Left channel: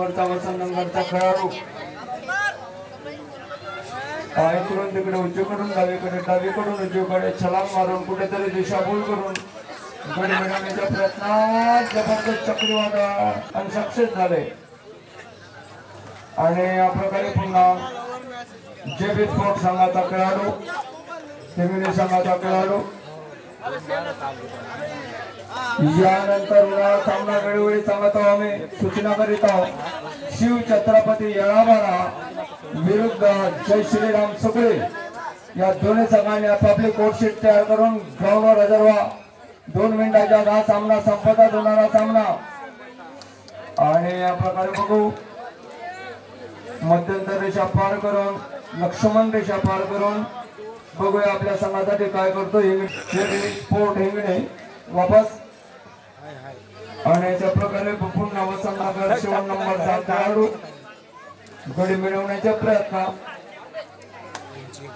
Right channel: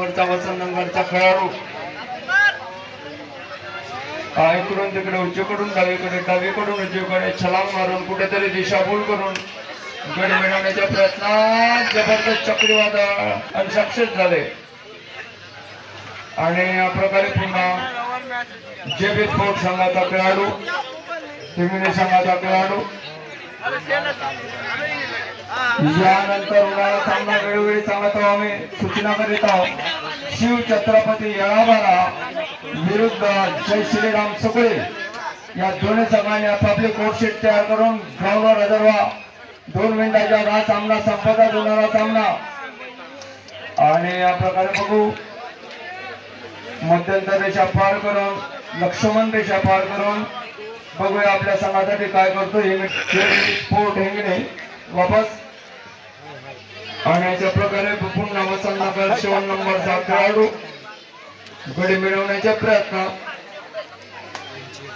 वसंतनगरचा खेळाडू इकडून तिकडे उजवीकडून डावीकडून उजवीकडे छलांग मारून कुठेतरी दिशाभूल करून गड मिळवण्याच्या प्रयत्नात जबरदस्त चक्रीवादळ आणि सक्सेस झाले आणि या प्रकारे पुन्हा जेबी स्पोर्ट संघाचा खेळाडू हिंगणी संघाचा खेळाडू यानंतर उन्हाळा सामना वेळोवेळी सांगतो आम्ही सूचना करीत आहोत शिव छत्रपती येळाबारा विरुद्ध जय श्रीराम सुकळे या दोन्ही संघांनी आपापली कोर्टशीट तयार करून ग्राउंडवर हजर व्हा 2 मिनिटाच्या हा सामना संपतात होणारा सामना आणि या प्रकारे बघू मध्यंतर रेषा पार करून लक्ष्मण रेषा पार करून बघूया आपल्या संघासाठी काय करतो स्पोर्ट हिंगणे वापस आणि अशा प्रकारे पुन्हा वसंतनगर 7 नंबरचा खेळाडू गडी मिळवण्याचा प्रयत्न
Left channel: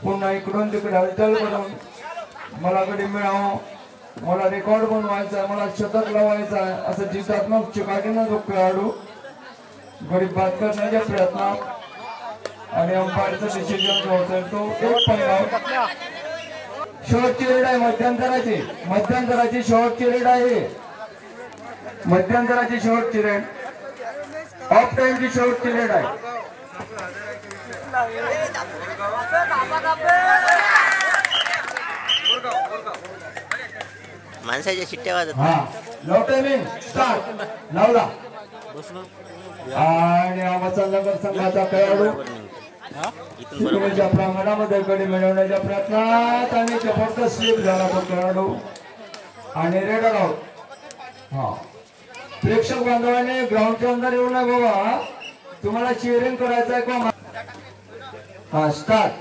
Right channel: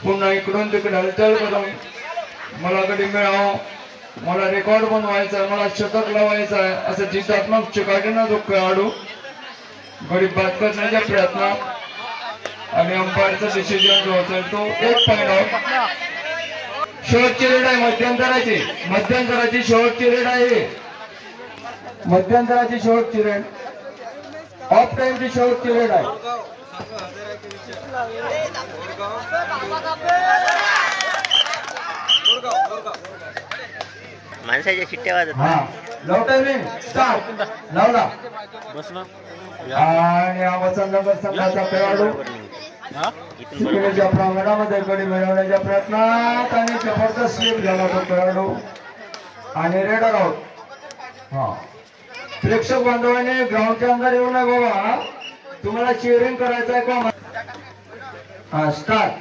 पुन्हा इकडून तिकडे हालचाल करून मला गडी मिळावं मला रेकॉर्ड बनवायचा मला शतक लावायचा आहे असं जितात्मक चिकाटीनं तो खेळाडू गडी बाद करण्याचा प्रयत्न आणि अंपायरचा डिसिजन जो असेल तो 1 पॉइंट शेवटची रेड आहे मध्यंतराची शेवटची रेड आहे मध्यंतराची शेवटची रेड ऑफ टाइमची शेवटची रेड आहे माणसाच्या शिट्ट्या वाजत नो टायमिंग स्टार्ट लावला आणि वसंतनगर संघाचा खेळाडू प्रांगणामध्ये गडी मिळवण्याच्या प्रयत्नात आणि जबरदस्त स्लीप झाला तो खेळाडू आणि रेड आउट प्रेक्षक बांधवांनी ग्राउंडच्या अंदर येऊ नये बाबा तुम्हाला चिअरिंग करायचं आहे का स्टार्ट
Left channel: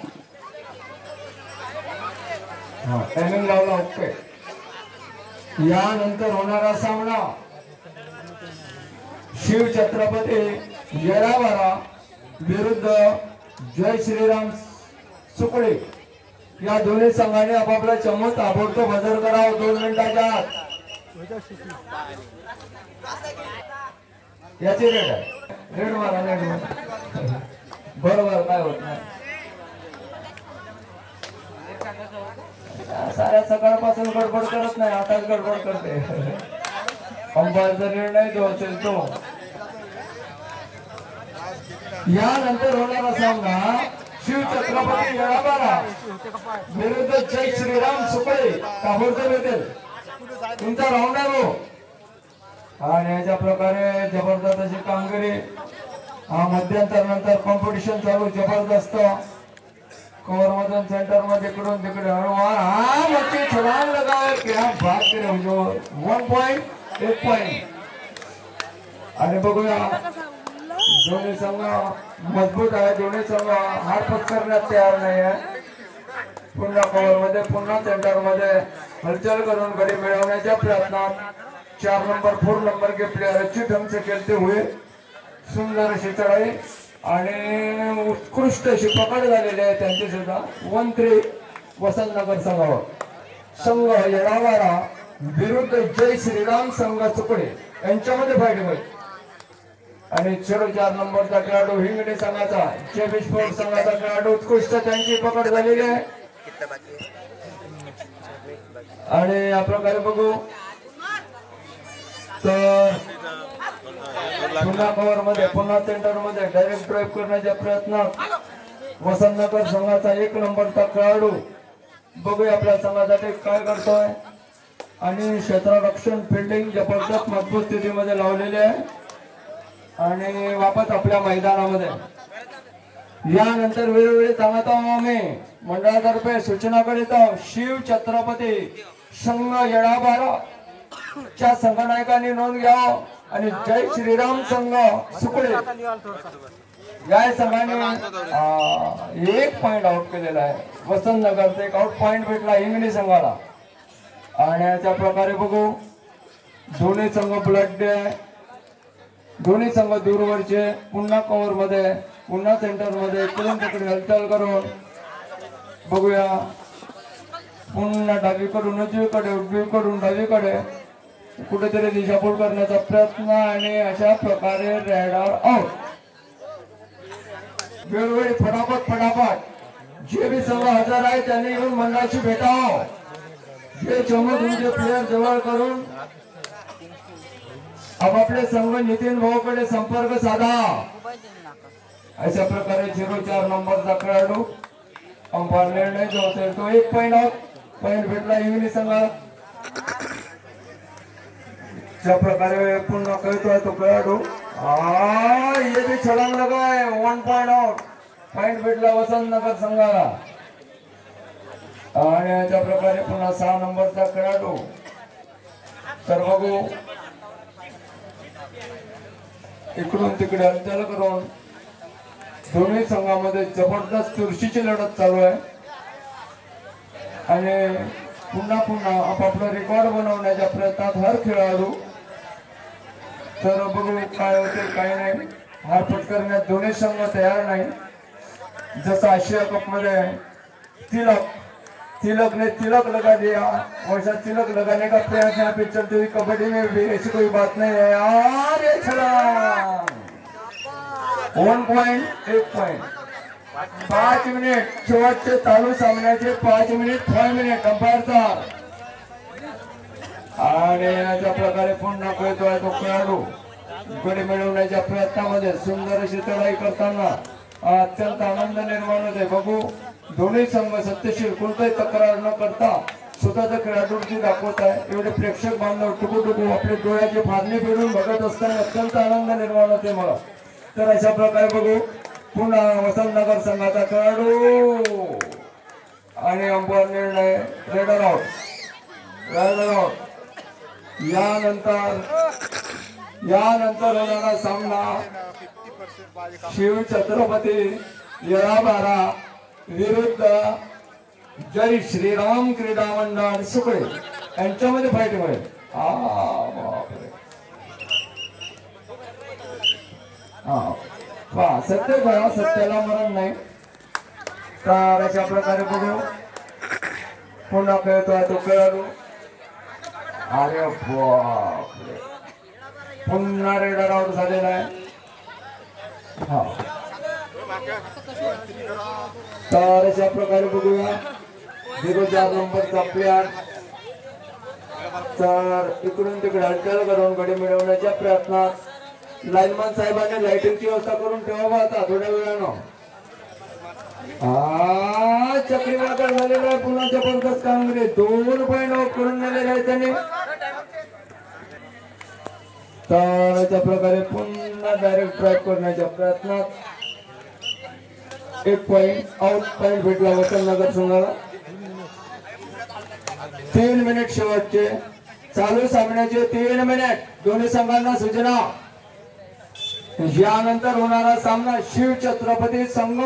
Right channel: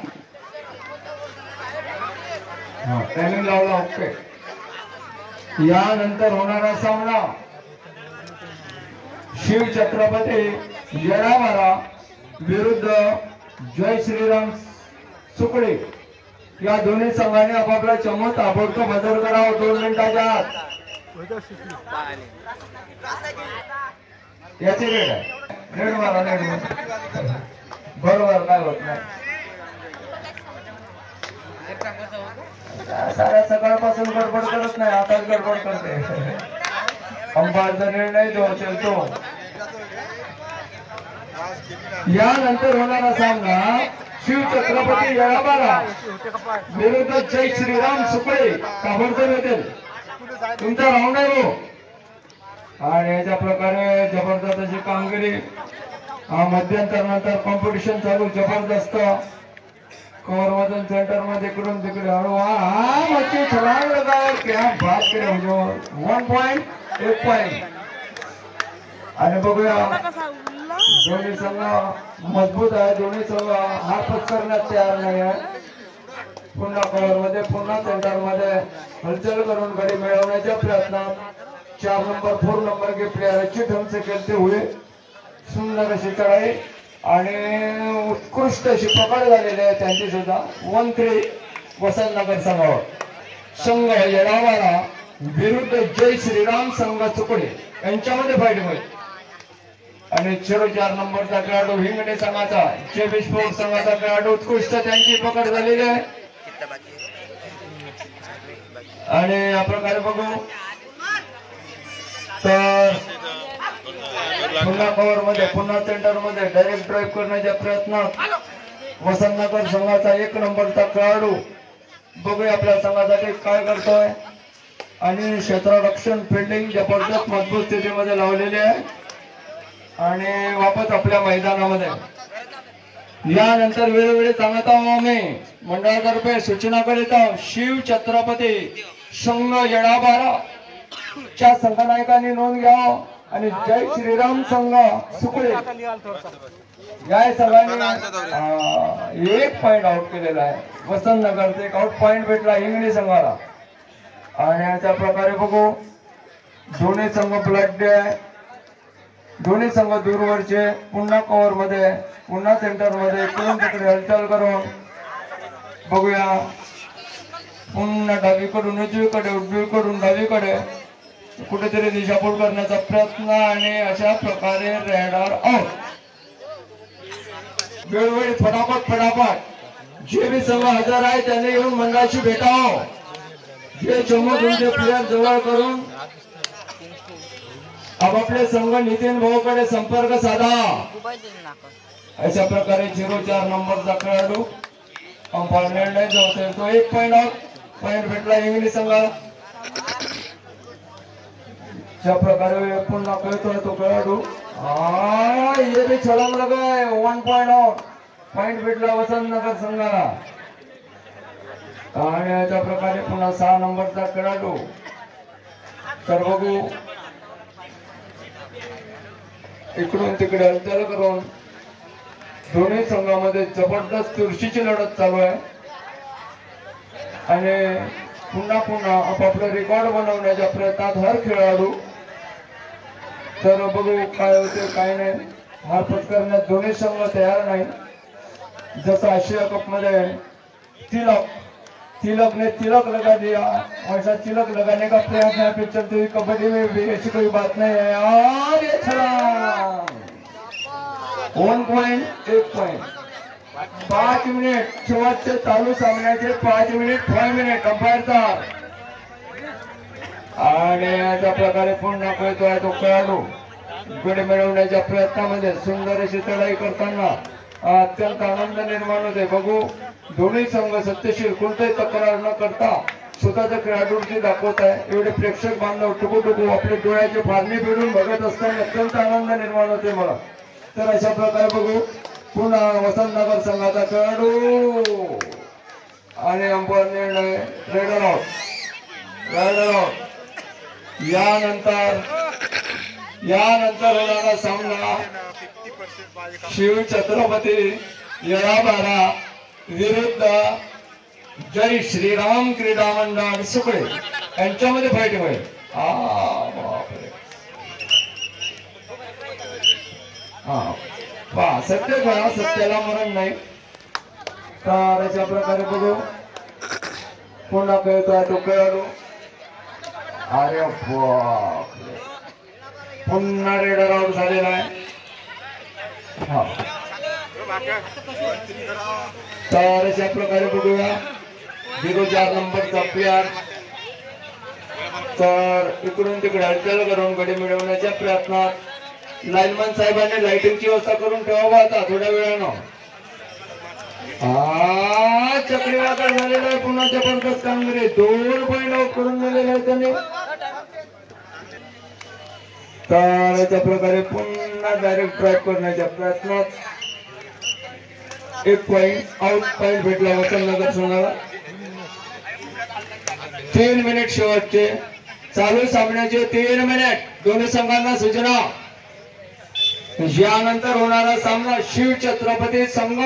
टायमिंग लावला ओके यानंतर होणारा सामना शिव छत्रपती येळाबारा विरुद्ध जय श्रीराम सुकळे या दोन्ही संघाने आपापला चमक ताबडतोब हजर करावा 2 मिनिटाच्या आत याची रेड आहे रेड मारा बरोबर काय होत नाही साऱ्या सकाळपासून गडबड करत नाही आताच गडबड करते अंपायरचा निर्णय जो असेल तो यानंतर होणारा सामना शिव छत्रपती येळाबारा विरुद्ध जय श्रीराम सुकळे ताबडतोब येतील तुमचा राऊंड आहे तो आणि याच्या प्रकारे जबरदस्त अशी कामगिरी मध्यंतर नंतर कॉम्पिटिशन चालू जबरदस्त कव्हर मधून सेंटर मध्ये इकडून तिकडे हळू छलांग लगाए क्या बात करे 1 पॉइंट 1 पॉइंट आणि बघूया दोन्ही संघ मजबूत आहे दोन्ही संघ हार पत्करण्यात तयार नाही आहे पुन्हा कव्हर मध्ये पुन्हा सेंटर मध्ये हलचल करून गडी मिळवण्याच्या प्रयत्नात 4 नंबर 4 नंबर के प्लेयर अच्छी ढंग से खेलते हुए सुंदर अशी चढाई आणि उत्कृष्ट अशी पकड झालेली आहे त्यांची सुद्धा 1-3 वसंतनगर संघावर संघ येळाबारा विरुद्ध जय श्रीराम संघ सुकळे यांच्यामध्ये फाईट होईल आणि 4 नंबरचा खेळाडू हिंगणे संघाचा जेबी स्पोर्ट संघाचा खेळाडू उत्कृष्ट त्यांची पकड झालेली आहे आणि या प्रकारे बघू तर पुन्हा कव्हर मध्ये पुन्हा सेंटर मध्ये डायरेक्ट ड्राइव्ह करण्याच्या प्रयत्नात वसंतनगर संघाचा 1 नंबरचा खेळाडू बघूया आपल्या संघासाठी काय करतोय आणि क्षेत्ररक्षण फिल्डिंग जबरदस्त मजबूत स्थितीमध्ये लावलेली आहे आणि वापस आपल्या मैदानामध्ये यानंतर वेळोवेळी सांगत आहोत आम्ही मंडळातर्फे सूचना करीत आहोत शिव छत्रपती संघ येळाबारा च्या संघनायकांनी नोंद घ्यावं आणि जय श्रीराम संघ सुकळे या संघाने 1 पॉइंट आउट केलेला आहे वसंतनगरचा 1 आउट पॉइंट भेटला हिंगणी संघाला आणि अशा प्रकारे बघू दोन्ही संघ ब्लड आहे दोन्ही संघ दूरवरचे पुन्हा कव्हर मध्ये पुन्हा सेंटर मध्ये इकडून तिकडे हालचाल करून बघूया पुन्हा डावीकडून उजवीकडे डावीकडे कुठेतरी दिशाभूल करण्याचा प्रयत्न आणि अशा प्रकारे रेडर आउट. वेळोवेळी फटाफट जे बी संघ हजर आहे त्यांनी येऊन मंडळाशी भेटावं. हे चमू तुमचे प्लेयर जवळ करून आपापले संघ नितीन भाऊकडे संपर्क साधा. अशा प्रकारे 04 नंबरचा खेळाडू अंपायर निर्णय जो होता तो 1 पॉइंट ऑफ पॉइंट भेटला इंग्लिश संघाला. ज्या प्रकारे पुन्हा खेळतोय तो खेळाडू ये भी छलांग लगाय 1 पॉइंट आउट पॉइंट भेटला वसंतनगर संघाला. आणि अशा प्रकारे पुन्हा 6 नंबरचा खेळाडू तर बघू इकडून तिकडे हालचाल करून दोन्ही संघामध्ये जबरदस्त चुरशीची लढत चालू आहे. आणि पुन्हा आपापला रेकॉर्ड बनवण्याच्या प्रयत्नात हर खेळाडू. तर बघू काय होते काय नाही. हार पत्करण्यात दोन्ही संघ तयार नाही. जसं आशिया कप मध्ये तिलक ने तिलक लगा दिया और तिलक लगाने का प्रयास यहाँ पे चलते हुए कबड्डी में भी ऐसी कोई बात नहीं है यार. ये छलांग 1 पॉइंट 1 पॉइंट 5 मिनिट शेवटचे चालू सामन्याचे 5 मिनिट 5 मिनिट अंपायरचा. आणि अशा प्रकारे पुन्हा खेळतोय तो खेळाडू गडी मिळवण्याच्या प्रयत्नामध्ये सुंदर अशी चढाई करताना अत्यंत आनंद निर्माण होते. बघू दोन्ही संघ सत्यशील कोणताही तक्रार न करता स्वतःच्या खेळाडूंची दाखवत आहे. एवढे प्रेक्षक बांधव टुकू आपले डोळ्याची फारणी फिरून बघत असताना अत्यंत आनंद निर्माण होते मला. तर अशा प्रकारे बघू पुन्हा वसंतनगर संघाचा खेळाडू आणि अंपायर निर्णय रेडर आउट. यानंतर होणारा सामना शिव छत्रपती येळाबारा विरुद्ध जय श्रीराम क्रीडा मंडळ सुकडे यांच्यामध्ये फाईट होईल. सत्य करा सत्याला मरण नाही. तर अशा प्रकारे बघू पुन्हा खेळतोय तो खेळाडू. अरे बापरे पुन्हा रेडर आउट झालेला आहे. तर अशा प्रकारे बघूया 04 नंबरचा प्लेयर. तर इकडून तिकडे हालचाल करून गडी मिळवण्याच्या प्रयत्नात लाईनमॅन साहेबांनी लाइटिंगची व्यवस्था करून ठेवावं आता थोड्या वेळानं. चक्रीवादळ झालेलं आहे. पुन्हा जबरदस्त कामगिरी 2 पॉइंट आउट करून नेलेले आहे त्यांनी. तर अशा प्रकारे पुन्हा डायरेक्ट ड्राईव्ह करण्याच्या प्रयत्नात 1 पॉइंट आउट पॉइंट भेटला वसंतनगर संघाला. 3 मिनिट शेवटचे चालू सामन्याचे 3 मिनिट. दोन्ही संघांना सूचना. यानंतर होणारा सामना शिव छत्रपती संघ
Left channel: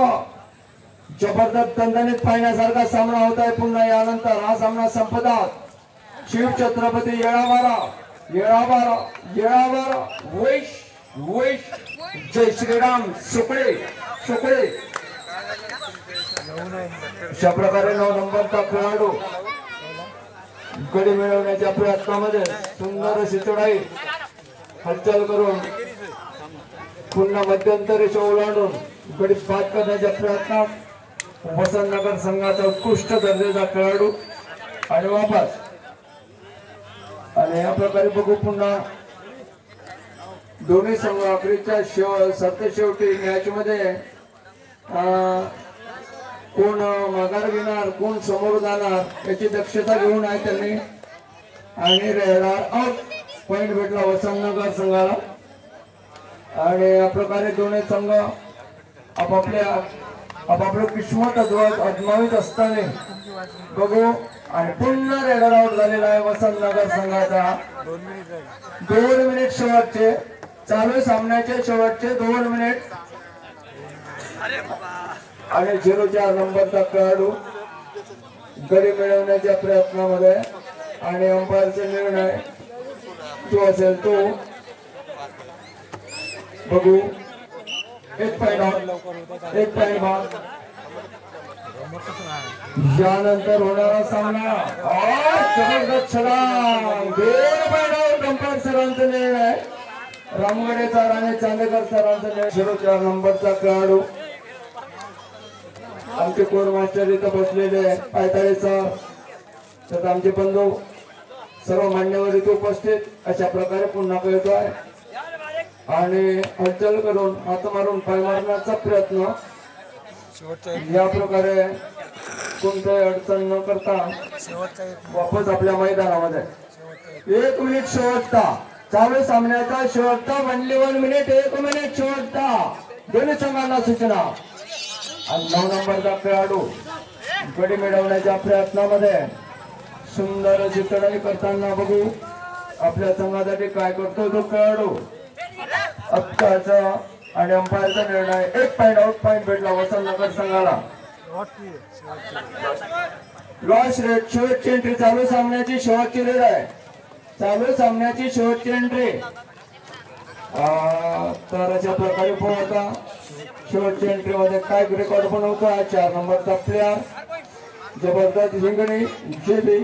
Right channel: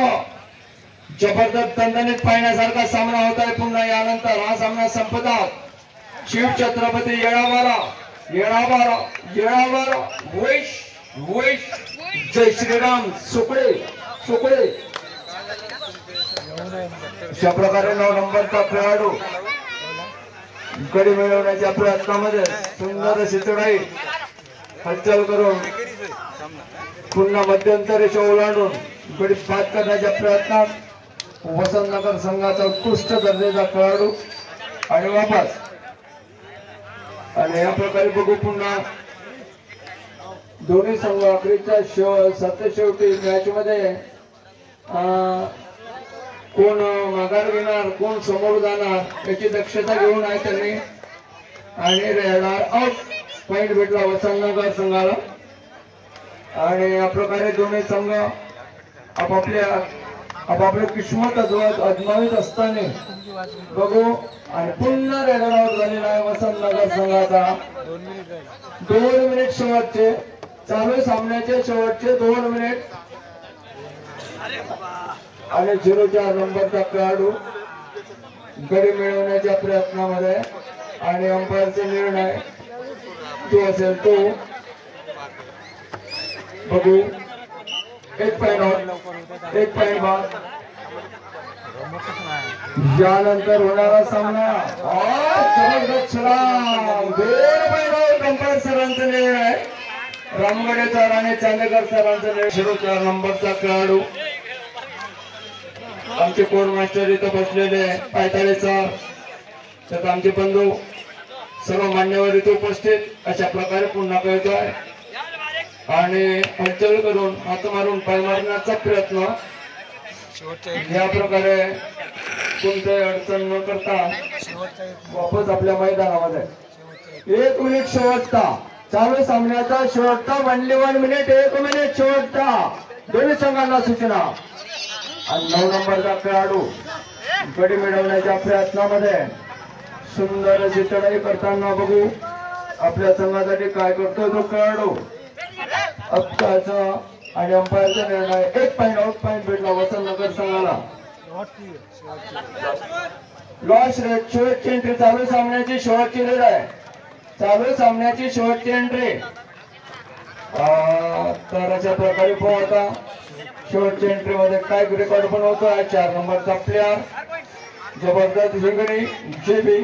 जबरदस्त दणदणीत पाहण्यासारखा सामना होत आहे. पुन्हा यानंतर हा सामना संपतात. शिव छत्रपती येळाबारा वैश जय श्रीराम सुकडे. अशा प्रकारे 9 नंबरचा खेळाडू गडी मिळवण्याच्या प्रयत्नामध्ये सुंदर अशी चढाई हालचाल करून पुन्हा मध्यंतरी ओलांडून गडी बाद करण्याच्या प्रयत्नात वसंतनगर संघाचा उत्कृष्ट दर्जाचा खेळाडू आणि वापस. आणि या प्रकारे बघू पुन्हा दोन्ही संघ अखेरच्या शेवटी मॅच मध्ये कोण माघार घेणार कोण समोर जाणार याची दक्षता घेऊन आहे त्यांनी. आणि रेडर आउट पॉइंट भेटला वसंतनगर संघाला. आणि या प्रकारे दोन्ही संघ आपापले किस्मत अजमावित असताना बघू. आणि पुन्हा रेडर आउट झालेला आहे वसंतनगर संघाचा. 2 मिनिट शेवटचे चालू सामन्याचे शेवटचे 2 मिनिट. आणि 04 नंबरचा खेळाडू गडी मिळवण्याच्या प्रयत्नामध्ये. आणि अंपायरचे निर्णय जो असेल तो बघू. 1 पॉइंट यानंतर होणारा सामना जबरदस्त छलांग 2 पॉइंट कंपार सरांचं निर्णय आहे, रामगडे सर आणि चांदेकर सरांचं निर्णय. 4 नंबरचा खेळाडू आमचे कोर मास्टर इथं बसलेले आहे, पायताळे सर, तर आमचे बंधू सर्व मान्यवर इथे उपस्थित अशा प्रकारे पुन्हा कळतोय आणि हलचल करून हात मारून पाय मारण्याचा प्रयत्न या प्रकारे कोणत्याही अडचण न करता वापस आपल्या मैदानामध्ये. 1 मिनिट शेवटचा चालू सामन्याचा शेवटचा, ओनली 1 मिनिट, 1 मिनिट शेवटचा दोन्ही संघांना सूचना. आणि 9 नंबरचा खेळाडू गडी मिळवण्याच्या प्रयत्नामध्ये सुंदर अशी चढाई करताना बघू आपल्या संघासाठी काय करतोय तो खेळाडू. आत्ताचा आणि अंपायरचा निर्णय 1 पॉइंट आउट पॉइंट भेटला वसंतनगर संघाला. लॉस रेट शेवटची एंट्री, चालू सामन्याची शेवटची रेड आहे, चालू सामन्याची शेवटची एंट्री. तर अशा प्रकारे पोहता शेवटच्या एंट्री मध्ये काय रेकॉर्ड बनवतोय 4 नंबरचा प्लेअर जबरदस्त हिंगणी जेबी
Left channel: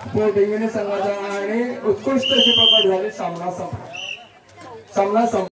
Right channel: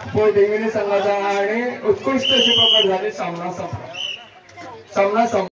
स्पोर्ट हिंगणी संघाचा आणि उत्कृष्ट अशी प्रकार झाले. सामना संपला.